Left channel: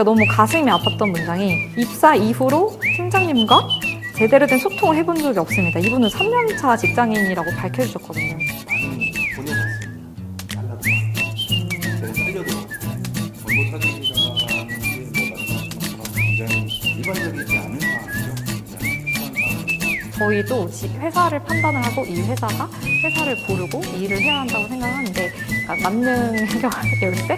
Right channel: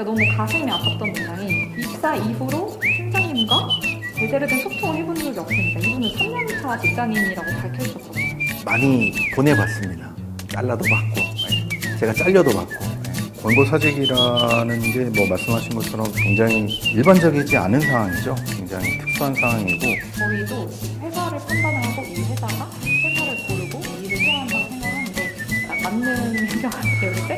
제가 너무 가슴이 아팠던 문장이 입사 이후로 팀장님과 제대로 된 소통을 해본 적이 없습니다. 이분은 3년차 직장인이라고 밝혀주셨거든요. 많이 보내봤습니다. 잘라도 받고, 제가 잘려도 받고. 원고 사직이라는 게 뭐 말씀하신 것처럼 굉장히 일반적이지 않은 상황이죠. 굉장히 특수한 상황이고. 저희도 회사를 판단을 하고 이 회사가 회사를 고르고 일을 해야 한다고 생각하는데 맞는 행동 아니에요, 이제?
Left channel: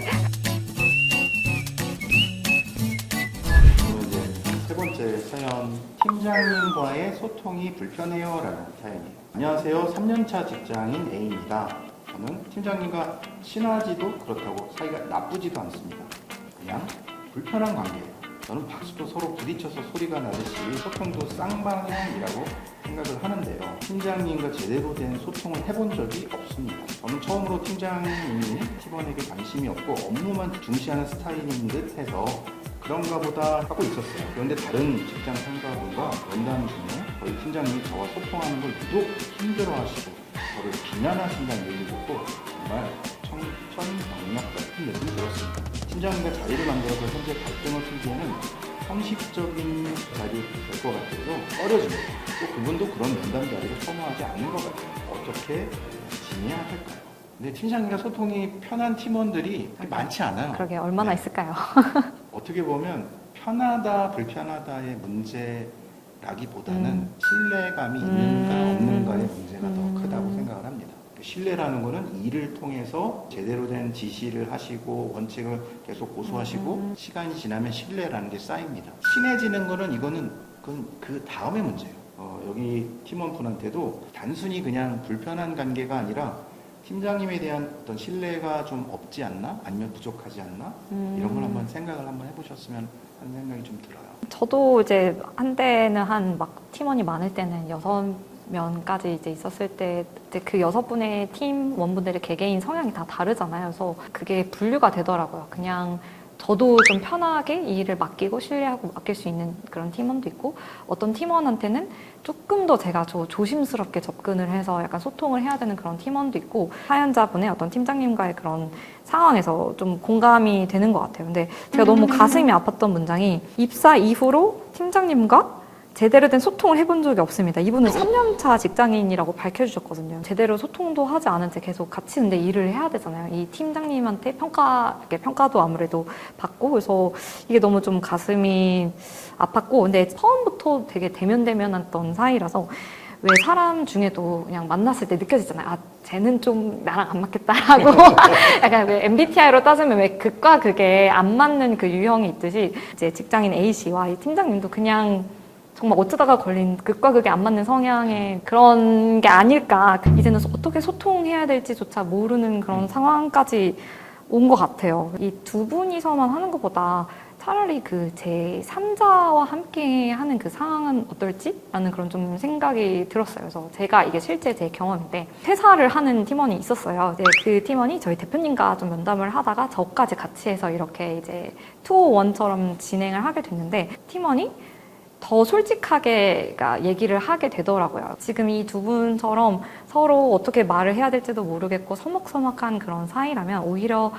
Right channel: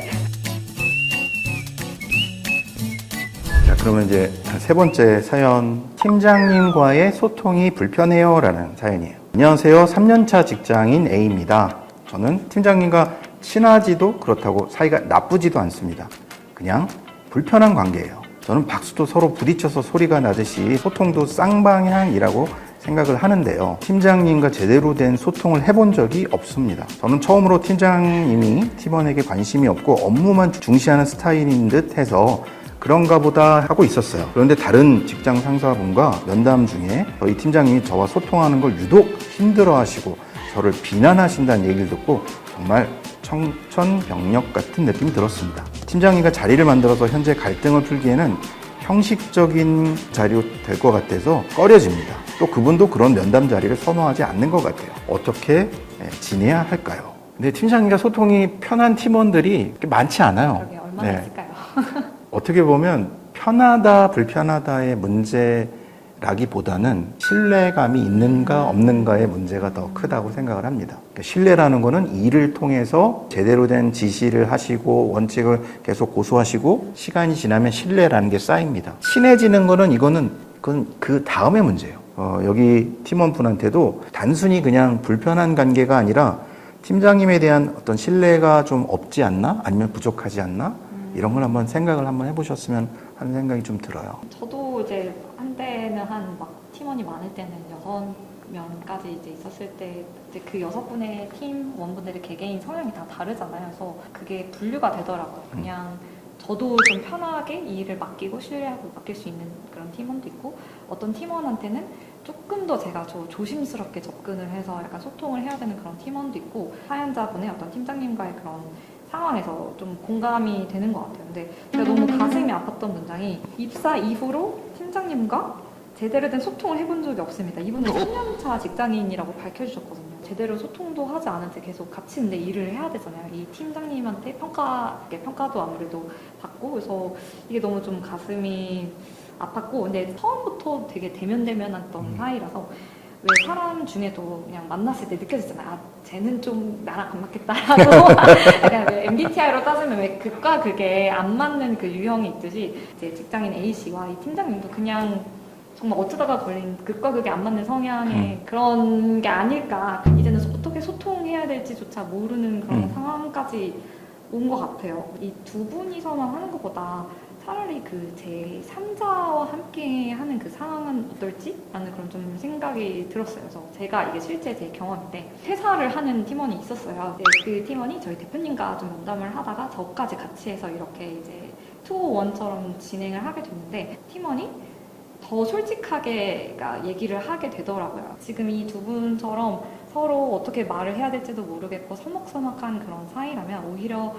자, 그러면 이제 세 번째 사연, 팀장님과의 소통이 불편해요 라는 사연이에요. 안녕하세요. 3년차 직장인 A입니다. 저는 팀장님과 친하지도 그렇다고 사이가 나쁘지도 않습니다. 그냥 불편한 관계예요. 저는 박수도 서로 부딪혀서 소리가 나듯이 소통도 쌍방향이라고 생각을 하는데요. 팀장님과 제대로 된 소통을 해본 적이 없습니다. 저는 처음으로 팀장님이 팀원에게 관심이 없고 업무만 중시하는 스타일인 듯 해서 그런가 보다 하고 있었어요. 그런데 다른 직장 상사분과 면담 중에 저희 팀장님이 저와 소통하는 걸 유독 힘들어하시고 저를 비난하신다는 얘기를 듣고 정말 청천벽력 같은 느낌이 들었습니다. 팀장님과 자리를 만들어서 현재 갈등을 풀기에는 형식적인 자리로 될 것 같아서 꺼려집니다. 또 그분도 그런 면담 자리를 선호하지 않는 것 같아요. 어떻게 지내야 할까요? 근데 팀장님과 소통이 편한 팀원들이 많지 않아요. 그러게 얼마나 네. 있을까요? 어떻게 보면 편하다 불편하다의 문제라기보다는 신뢰감이 있는가 없는가의 문제가 더 크다고 생각을 합니다. 그러니까 신뢰라는 거는 일을 통해서 제대로 된 지시를 하시고 원칙을 계속 고수하시고 시간이 지나면 신뢰라는 게 쌓입니다. 친해지는 거는 그건 그 다음의 문제예요. 여기 팀원분한테도 단순히 그냥 불편한 관계가 아니라 팀장님에 대한 어떤 신뢰가 좀 없지 않나? 아니면 부족하지 않나? 이런 걸 한번 생각을 한번 해보셨으면 하는 생각이 좀 들어요. 저도 이제 한때는 막 팀원이 많을 때는 6명까지 이제 있었을 때 이제 그 6분의 팀원분들의 개개인 성향이 다 다르잖아요. 그래서 그게 분류가 되더라고요. 그냥 저도 좀 편하게 이 일을 맡기고 신뢰하고 맡길 수 있는 그런 팀원도 있고 어떤 팀원한테는 조금 더 제가 조심스럽게 접근을 해서 약간 소통을 해야 되는 그런 팀원도 있고 사연자분의 어떤 팀장님과의 그런 상황에서 좀 공감이 되는 것 같아요. 근데 제가 너무 가슴이 아팠던 문장이 입사 이후로 팀장님과 제대로 된 소통을 해본 적이 없습니다. 이분은 3년차 직장인이라고 밝혀주셨거든요. 제대로 소통도 하지 않은 채 계속 같이 근데 일을 해야 되잖아요. 이 팀장님한테 평가도 아무래도 받고 그래서 이게 너무 좀 가슴이 아팠고 근데 처음부터 되게 대면대면했던 사이라서 왜 사람 중에도 그냥 만났을 때 느껴지잖아요. 아, 쟤는 좀 나랑 안 맞겠다라고. 약간 왜 MBTI로 따지면 왜 극과 극에 안 맞는 그 유형이 있듯이 이제 직장인 A씨와 이 팀장님도 그냥 정말 어쩌다가 걸린 극과 극에 안 맞는 성향의 그런 게 아닐까. 이제는 어떻게 소통해야 될지조차 모르는 그런 상황까지 온 것 같아요. 이 두 분이서만 하는 것보다 차라리 그 제 3자와 함께 하는 그 상황은 어떨지? 라는 그런 좀 생각이 들었어요. 그래서 제가 이게 실제 제 경험인데 퇴사를 하는 팀원이 있었어요. 이제 그 팀원이 저희 대표님과 좀 면담을 하다가 저까지 같이 해서 이렇게 이제 2-1처럼 진행을 하게 됐는데 팀원이 더 솔직하게 얘기를 하게 되더라고요. 지금 이 두 분처럼 서로 어떻게 말을 해야 될지도 모르겠고 서먹서먹한 그런 사이라면 오히려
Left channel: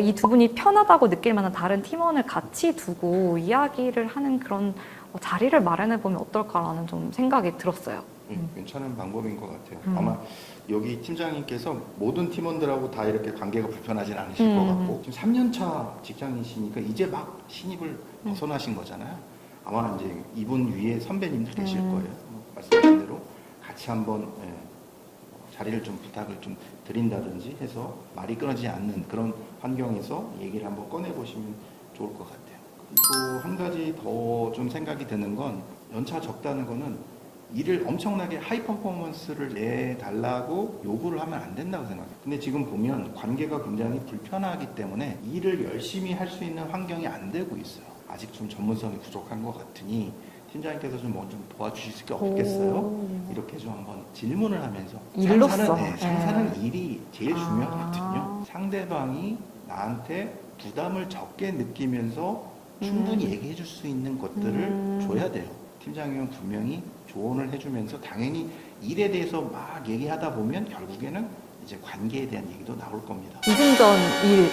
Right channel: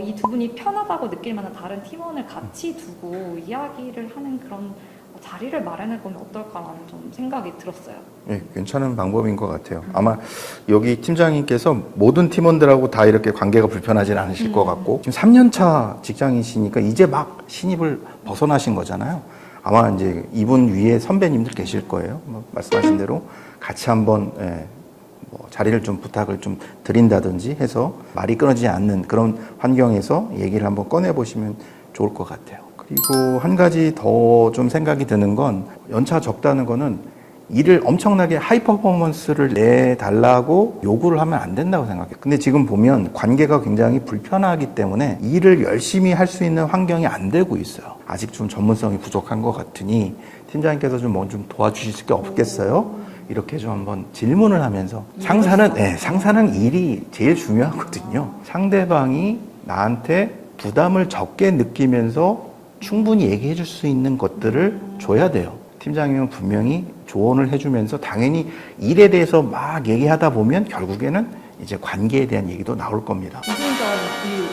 이 두 분이 편하다고 느낄 만한 다른 팀원을 같이 두고 이야기를 하는 그런 자리를 마련해보면 어떨까라는 좀 생각이 들었어요. 네, 괜찮은 방법인 것 같아요. 아마 여기 팀장님께서 모든 팀원들하고 다 이렇게 관계가 불편하진 않으실 것 같고 지금 3년차 직장이시니까 이제 막 신입을 벗어나신 거잖아요. 아마 이제 이분 위에 선배님들 계실 거예요. 말씀하신 대로 같이 한번 자리를 좀 부탁을 좀 드린다든지 해서 말이 끊어지지 않는 그런 환경에서 얘기를 한번 꺼내보시면 좋을 것 같아요. 그리고 한 가지 더 좀 생각이 드는 건 연차 적다는 거는 일을 엄청나게 하이 퍼포먼스를 내달라고 요구를 하면 안 된다고 생각해요. 근데 지금 보면 관계가 굉장히 불편하기 때문에 일을 열심히 할 수 있는 환경이 안 되고 있어요. 아직 좀 전문성이 부족한 것 같으니 팀장님께서 좀 도와주실 게 없겠어요? 이렇게 좀 한번 질문을 하면서 상사는 일이 제일 중요하거든요. 상대방이 나한테 부담을 적게 느끼면서 충분히 얘기해 줄 수 있는 것들을 줘야 돼요. 팀장님은 분명히 조언을 해주면서 당연히 일에 대해서 막 얘기하다 보면 결국에는 이제 관계에 대한 얘기도 나올 겁니다. 이중전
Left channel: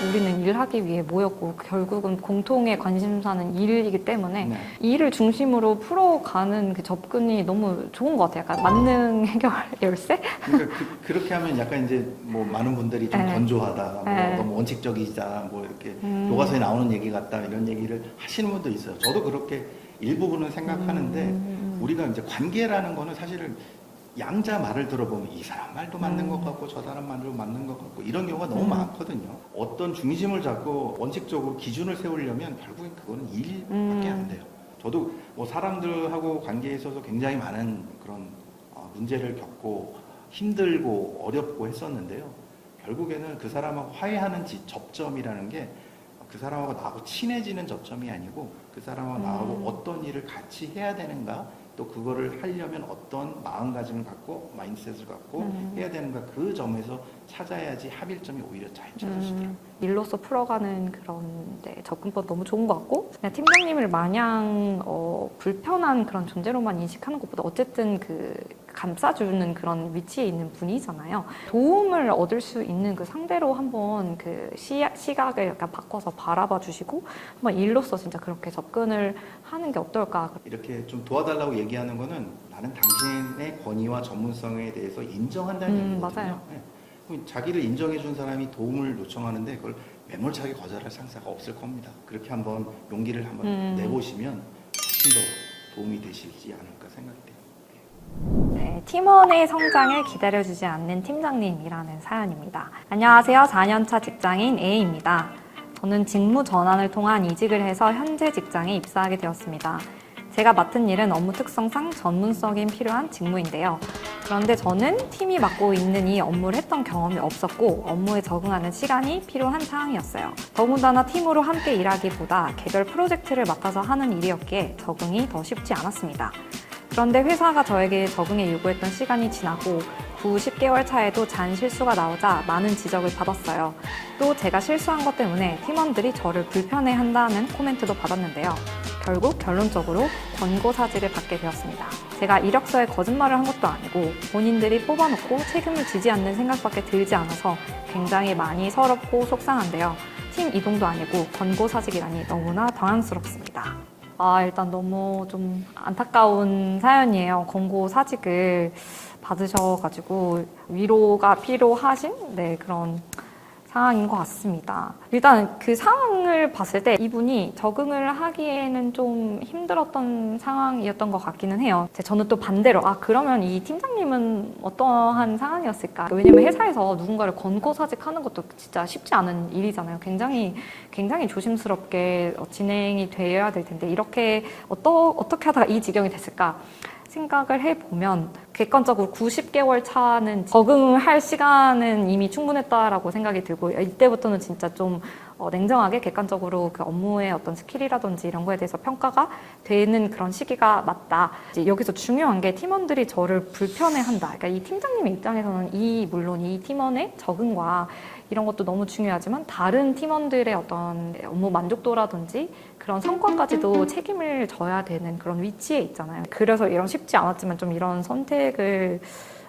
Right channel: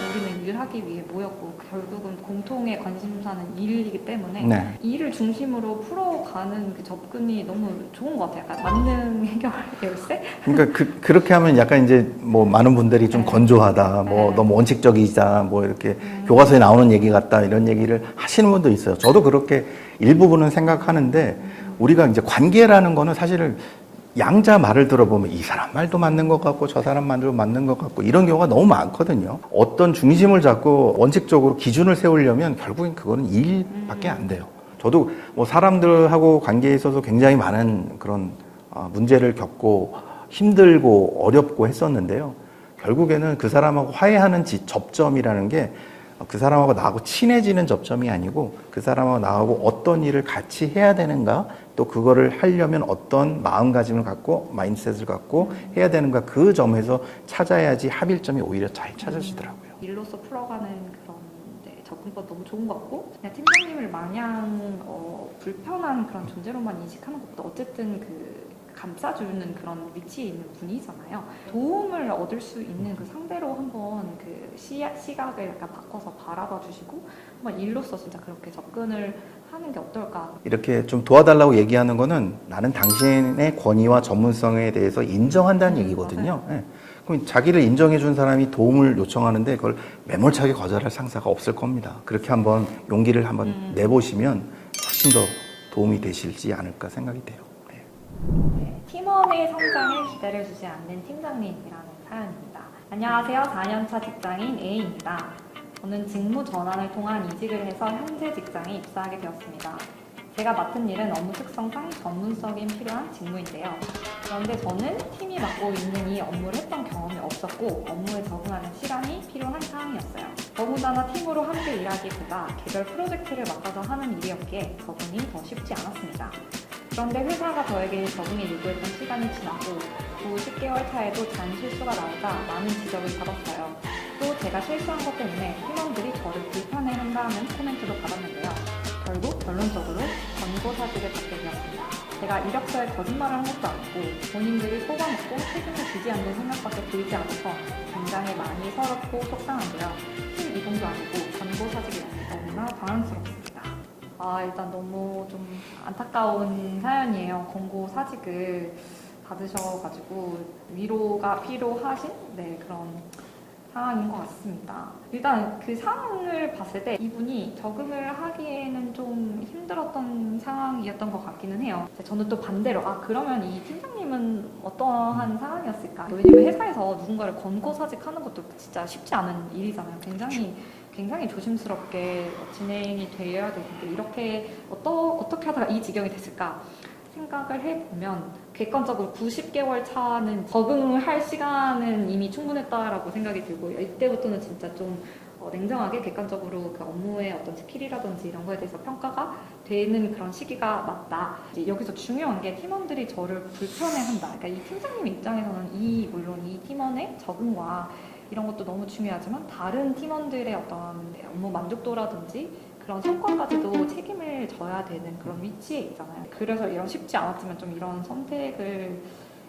우리는 일하기 위해 모였고 결국은 공통의 관심사는 일이기 때문에 네. 일을 중심으로 풀어가는 그 접근이 너무 좋은 것 같아요. 약간 만능 해결 열쇠? 그러니까 그렇게 하면 약간 이제 뭐 많은 분들이 좀 네. 건조하다, 뭐 네. 너무 원칙적이다, 뭐 이렇게 교과서에 나오는 얘기 같다 이런 얘기를 하시는 분도 있어요. 저도 그렇게 일부분은 생각하는데 우리가 이제 관계라는 거는 사실은 양자 말을 들어보면 이 사람 말도 맞는 것 같고 저 사람 말도 맞는 것 같고 이런 경우가 너무 많거든요. 어떤 중심을 잡고 원칙적으로 기준을 세우려면 결국엔 그거는 일밖에 안 돼요. 저도 뭐 사람들하고 관계에 있어서 굉장히 많은 그런 문제를 겪고 힘들고 어렵고 했었는데요. 결국에는 그 사람하고 화해하는 접점이라는 게 그 사람하고 나하고 친해지는 접점이 아니고 그 사람하고 나하고 어떤 일을 같이 해야 되는가, 또 그거를 하려면 어떤 마음가짐을 갖고 마인드셋을 갖고 해야 되는가, 그 점에서 찾아야지 합일점이 오히려 잘 찾아지더라고요. 일로서 풀어가는 그런 접근법 너무 좋은 것 같고, 그냥 팀장님을 마냥 불편한 그런 존재로만 인식하는 것보다 어쨌든 그 감싸주는 그런 위치에 있는 분이잖아요. 도움을 얻을 수 있는 그 상대로 한번 그 시각을 약간 바꿔서 바라봐 주시고 한번 일로서 진짜 그렇게 접근을 하는 게 어떨까. 이렇게 좀 도와달라고 얘기하는 거는 나는 당신의 권위와 전문성에 대해서 인정한다는 얘기거든요. 네. 그럼 자기를 인정해 준 사람이 도움을 요청하는데 그걸 매몰차게 거절할 상사가 없을 겁니다. 그렇게 한번 용기를 한번 내보시면 훨씬 더 도움이 되실지 않을까 생각이 돼요. 네, 팀원의 성장을 기다려주지 않는 팀장님이라는 사연입니다. 안녕하세요. 4년차 직장인 A입니다. 저는 직무 전환을 통한 이직을 해서 현재 직장에 입사하게 되었습니다. 제가 맡은 일은 업무 특성상 전문성이 필요한 직무인데요. 그런데 저는 팀이 맡고 있는 이 업무를 했던 경험이 없었고 업무에 적응하는 시간이 필요한 상황이었어요. 더군다나 팀으로 함께 일하기보다 개별 프로젝트를 맡아서 하는 일이었기에 적응이 더 쉽지 않았습니다. 그런데 회사가 저에게 적응에 요구했던 시간이 지나고 10개월 차에도 잔 실수가 나오자 많은 지적을 받았어요. 또 제가 실수한 것 때문에 팀원들이 저를 불편해한다는 코멘트도 받았는데요. 결국 결론적으로 권고사직을 받게 되었습니다. 제가 이력서에 거짓말을 한 것도 아니고 본인들이 뽑아놓고 책임을 지지 않는 생각밖에 들지 않아서 굉장히 많이 서럽고 속상한데요. 팀 이동도 아니고 권고사직이라니 너무나 당황스럽습니다. 일단 너무 좀 안타까운 사연이에요. 권고사직을 받으셔가지고 위로가 필요하신 그런 상황인 것 같습니다. 일단 그 상황을 봤을 때 이분이 적응을 하기에는 좀 힘들었던 상황이었던 것 같기는 해요. 저는 또 반대로 그러면 이 팀장님은 어떠한 상황이었을까? 왜냐면 회사에서 누군가를 권고사직하는 것도 진짜 쉽지 않은 일이잖아요. 굉장히 조심스럽게 진행이 되어야 될 텐데 이렇게 어떻게 하다가 이 지경이 됐을까? 생각을 해보면 객관적으로 90개월 차는 적응할 시간은 이미 충분했다라고 생각이 들고 이때부터는 진짜 좀 냉정하게 객관적으로 그 업무의 어떤 스킬이라든지 이런 거에 대해서 평가가 되는 그런 시기가 맞다. 이제 여기서 중요한 게 팀원들이 저를 불편해한다. 그러니까 이 팀장님의 입장에서는 물론 이 팀원의 적응과 이런 것도 너무 중요하지만 다른 팀원들의 어떤 업무 만족도라든지 그런 성과까지도 책임을 져야 되는 그런 위치에 있잖아요. 그래서 이런 쉽지 않았지만 좀 이런 선택을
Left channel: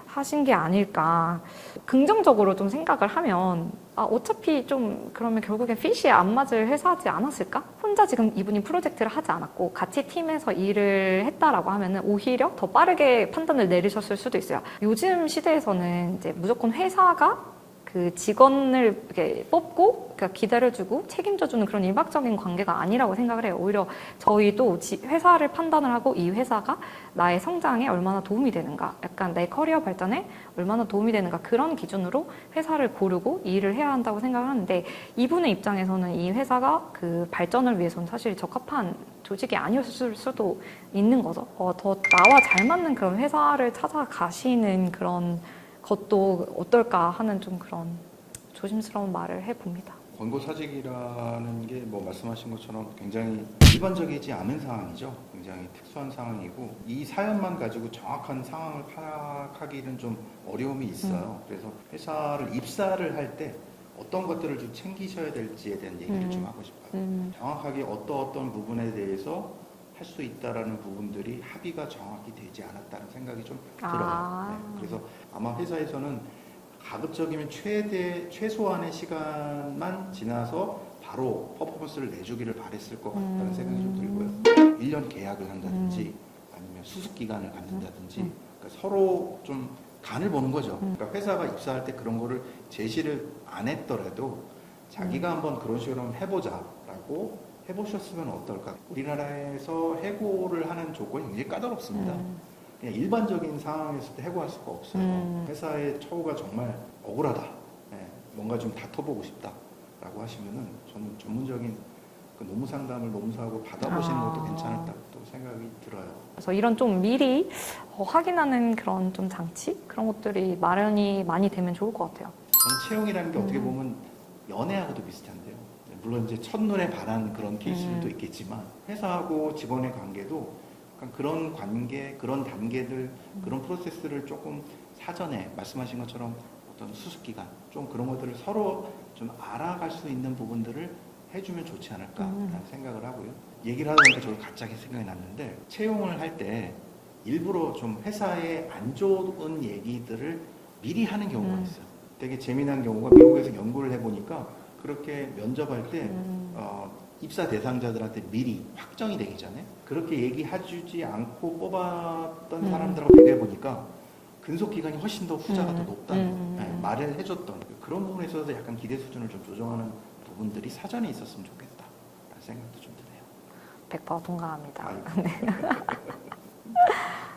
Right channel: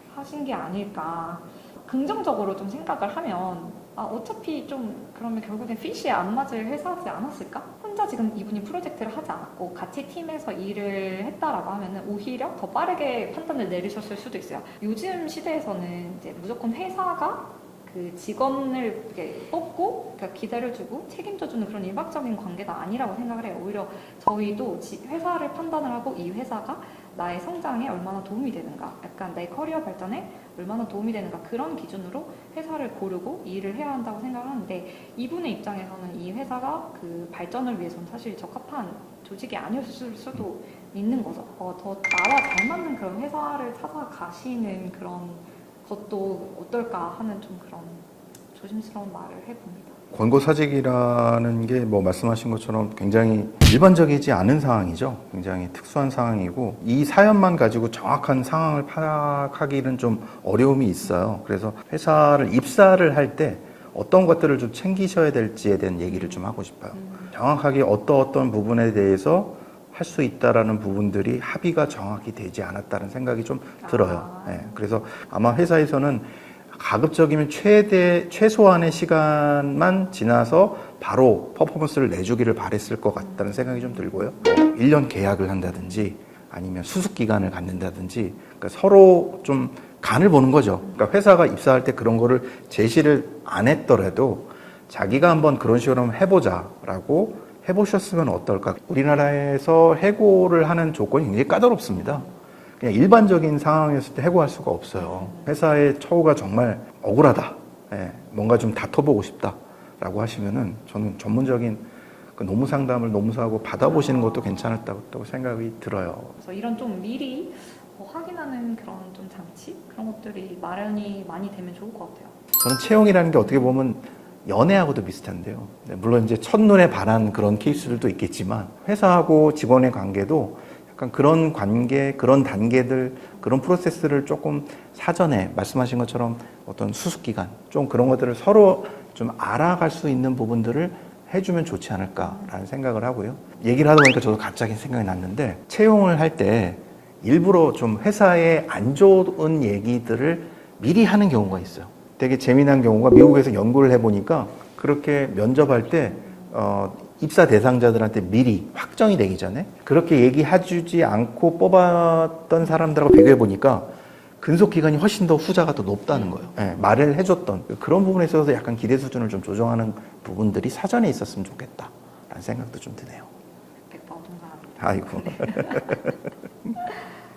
하신 게 아닐까. 긍정적으로 좀 생각을 하면 어차피 좀 그러면 결국엔 핏이 안 맞을 회사지 않았을까? 혼자 지금 이분이 프로젝트를 하지 않았고 같이 팀에서 일을 했다라고 하면은 오히려 더 빠르게 판단을 내리셨을 수도 있어요. 요즘 시대에서는 이제 무조건 회사가 그 직원을 이렇게 뽑고 기다려주고 책임져주는 그런 일방적인 관계가 아니라고 생각을 해요. 오히려 저희도 회사를 판단을 하고 이 회사가 나의 성장에 얼마나 도움이 되는가, 약간 내 커리어 발전에 얼마나 도움이 되는가 그런 기준으로 회사를 고르고 일을 해야 한다고 생각을 하는데 이분의 입장에서는 이 회사가 그 발전을 위해서는 사실 적합한 조직이 아니었을 수도 있는 거죠. 더 나와 잘 맞는 그런 회사를 찾아가시는 그런 것도 어떨까 하는 좀 그런 조심스러운 말을 해봅니다. 권고사직이라는 게 뭐 말씀하신 것처럼 굉장히 일반적이지 않은 상황이죠. 굉장히 특수한 상황이고 이 사연만 가지고 정확한 상황을 파악하기는 좀 어려움이 있어요. 그래서 회사를 입사를 할 때 어떤 것들을 좀 챙기셔야 될지에 대한 얘기를 좀 하고 싶어요. 정확하게 어떤 부분에 대해서 할 수 있다라는 부분들이 합의가 정확히 되지 않았다는 생각이 좀 들어요. 네, 그래서 아마 회사에서는 가급적이면 최소한의 시간만 지나서 바로 퍼포먼스를 내주기를 바랬을 것 같다는 생각이 좀 들고요. 1년 계약을 한다든지 아니면 수습 기간을 갖는다든지 그러니까 서로 좀 간을 보는 거죠. 그러니까 회사가 입사할 때 그런 거를 제시를 안 했더라도 자기가 한번 그런 식으로 한번 해보자라고 해보셨으면 어떨까. 우리나라에서 해고를 하는 조건이 굉장히 까다롭습니다. 그냥 일반적인 상황이었을 때 해고할 수가 없어요. 회사의 처우가 정말 억울하다. 예, 뭔가 좀 다퉈보고 싶다라고 하시면은 저는 전문적인 그 노무 상담을 노무사하고 받아보시는 것도 괜찮았다고 생각이 들어요. 그래서 이런 좀 미리 확인하는 그런 좀 장치 그런 것들이 마련이 많이 되면 좋을 것 같아요. 저는 채용이라는 게 어떻게 보면 연애하고도 비슷한데요. 네, 물론 이제 첫눈에 반한 그런 케이스들도 있겠지만 회사하고 직원의 관계도 약간 그런 관계, 그런 단계들, 그런 프로세스를 조금 사전에 말씀하신 것처럼 어떤 수습 기간, 좀 그런 것들을 서로 좀 알아갈 수 있는 부분들을 해주면 좋지 않을까라는 생각을 하고요. 얘기를 하다 보니까 저도 갑자기 생각이 났는데 채용을 할 때 일부러 좀 회사에 안 좋은 얘기들을 미리 하는 경우가 있어요. 되게 재미난 경우가 미국에서 연구를 해보니까 그렇게 면접할 때 입사 대상자들한테 미리 확정이 되기 전에 그렇게 얘기해주지 않고 뽑았던 사람들하고 비교해보니까 근속 기간이 훨씬 더 후자가 더 높다는 거예요. 네, 말을 해줬던 그런 부분에 있어서 약간 기대 수준을 좀 조정하는 부분들이 사전에 있었으면 좋겠다라는 생각도 좀 드네요. 100% 동감합니다. 아이고. 네.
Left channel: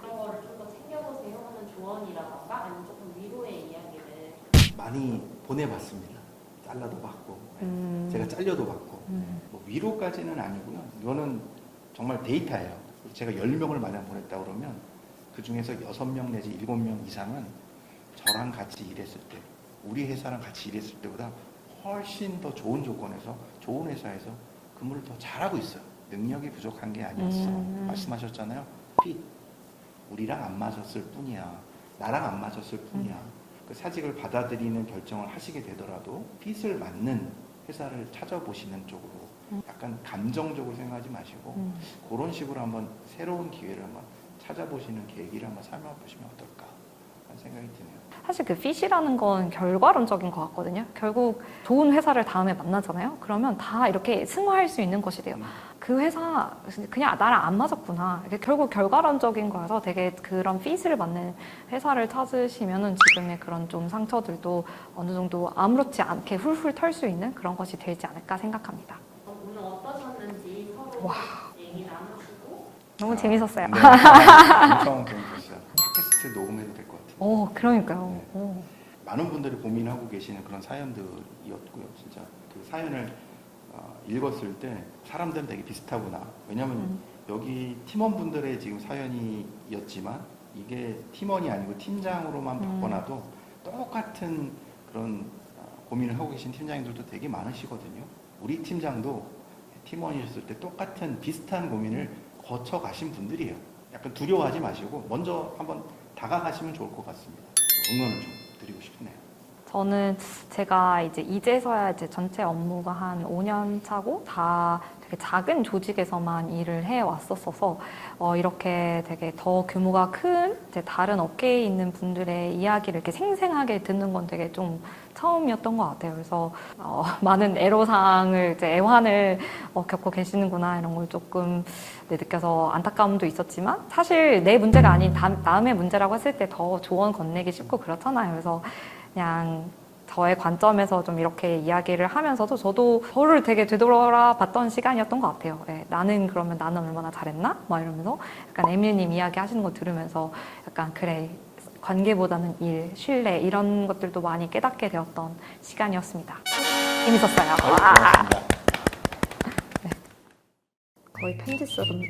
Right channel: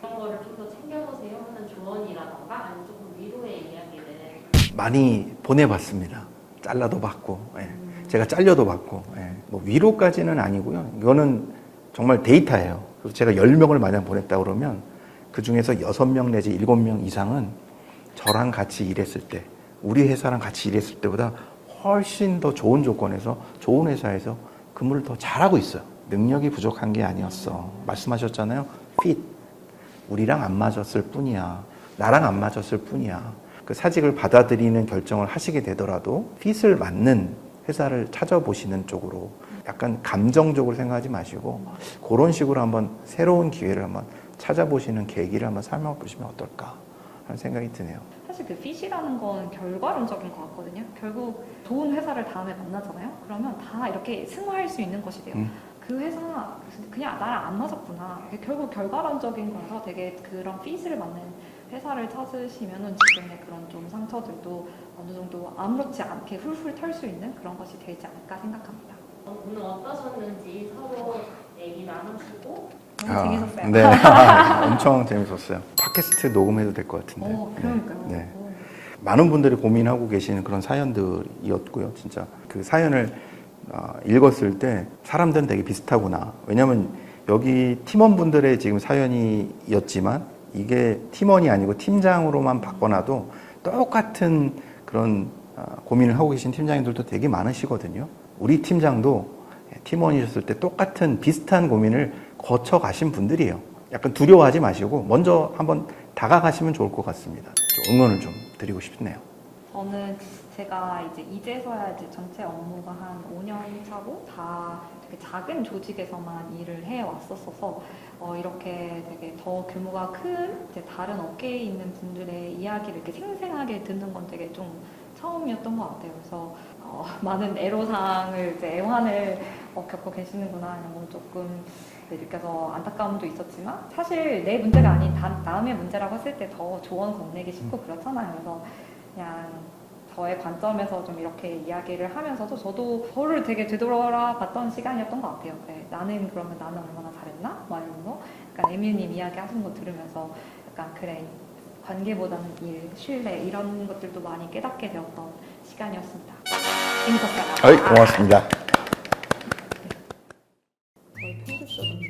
이런 거를 좀 더 챙겨보세요 하는 조언이라던가 아니면 조금 위로의 이야기를 많이 보내봤습니다. 잘라도 받고, 제가 잘려도 받고, 뭐 위로까지는 아니고요. 이거는 정말 데이터예요. 그래서 제가 10명을 만약 보냈다 그러면 그 중에서 6명 내지 7명 이상은 저랑 같이 일했을 때, 우리 회사랑 같이 일했을 때보다 훨씬 더 좋은 조건에서, 좋은 회사에서 근무를 더 잘하고 있어요. 능력이 부족한 게 아니었어. 말씀하셨잖아요. fit. 우리랑 안 맞았을 뿐이야. 나랑 안 맞았을 뿐이야. 그 사직을 받아들이는 결정을 하시게 되더라도 fit을 맞는 회사를 찾아보시는 쪽으로 약간 감정적으로 생각하지 마시고 그런 식으로 한번 새로운 기회를 한번 찾아보시는 계기를 한번 삼아보시면 어떨까 하는 생각이 드네요. 사실 그 fit이라는 건 결과론적인 것 같거든요. 결국 좋은 회사를 다음에 만나잖아요. 그러면 다 이렇게 승화할 수 있는 것이 돼요. 그 회사 그냥 나랑 안 맞았구나. 이게 결국 결과론적인 거라서 되게 그런 fit을 맞는 회사를 찾으시면은 지금의 그런 좀 상처들도 어느 정도 아무렇지 않게 훌훌 털 수 있는 그런 것이 되지 않을까 생각합니다. 오늘 어떠셨는지 서로 얘기 나누시고 너무 재밌었어요. 네. 엄청 재밌었어요. 팟캐스트 녹음해도 될 것 같은데. 오, 그러니까요. 네. 오. 많은 분들이 고민하고 계시는 그런 사연들이었고요. 진짜 그 사연을 읽었을 때 사람들은 되게 비슷하구나. 왜냐하면 여기 팀원분들의 지금 사연이었지만 이게 팀원이 아니고 팀장으로만 바꿔놔도 똑같은 그런 고민을 하고 계신 팀장님들도 되게 많으시거든요. 우리 팀장도 팀원이셨을 때 똑같은 비슷한 고민을 거쳐 가신 분들이에요. 약간 두려워하지 마시고 먼저 한번 다가가시면 좋을 것 같습니다. 좀 응원을 좀 드리고 싶네요. 저는 제가 이제서야 이제 전체 업무가 한 5년 차고 다 되게 작은 조직에서만 일을 해 왔었어서 이렇게 되게 더 규모가 큰 이제 다른 업계에 있는 분들의 이야기를 이렇게 생생하게 듣는 건 되게 좀 처음이었던 것 같아요. 그래서 많은 애로사항을 이제 애환을 겪고 계시는구나 이런 걸 조금 느껴서 안타까움도 있었지만 사실 내 문제가 아닌 남의 문제라고 했을 때 더 조언 건네기 쉽고 그렇잖아요. 그래서 그냥 저의 관점에서 좀 이렇게 이야기를 하면서도 저도 저를 되게 되돌아봤던 시간이었던 것 같아요. 네, 나는 얼마나 잘했나? 막 이러면서 약간 에밀님 이야기 하시는 거 들으면서 약간 그래 관계보다는 일, 신뢰 이런 것들도 많이 깨닫게 되었던 시간이었습니다. 재밌었어요. 고맙습니다. 거의 편집처럼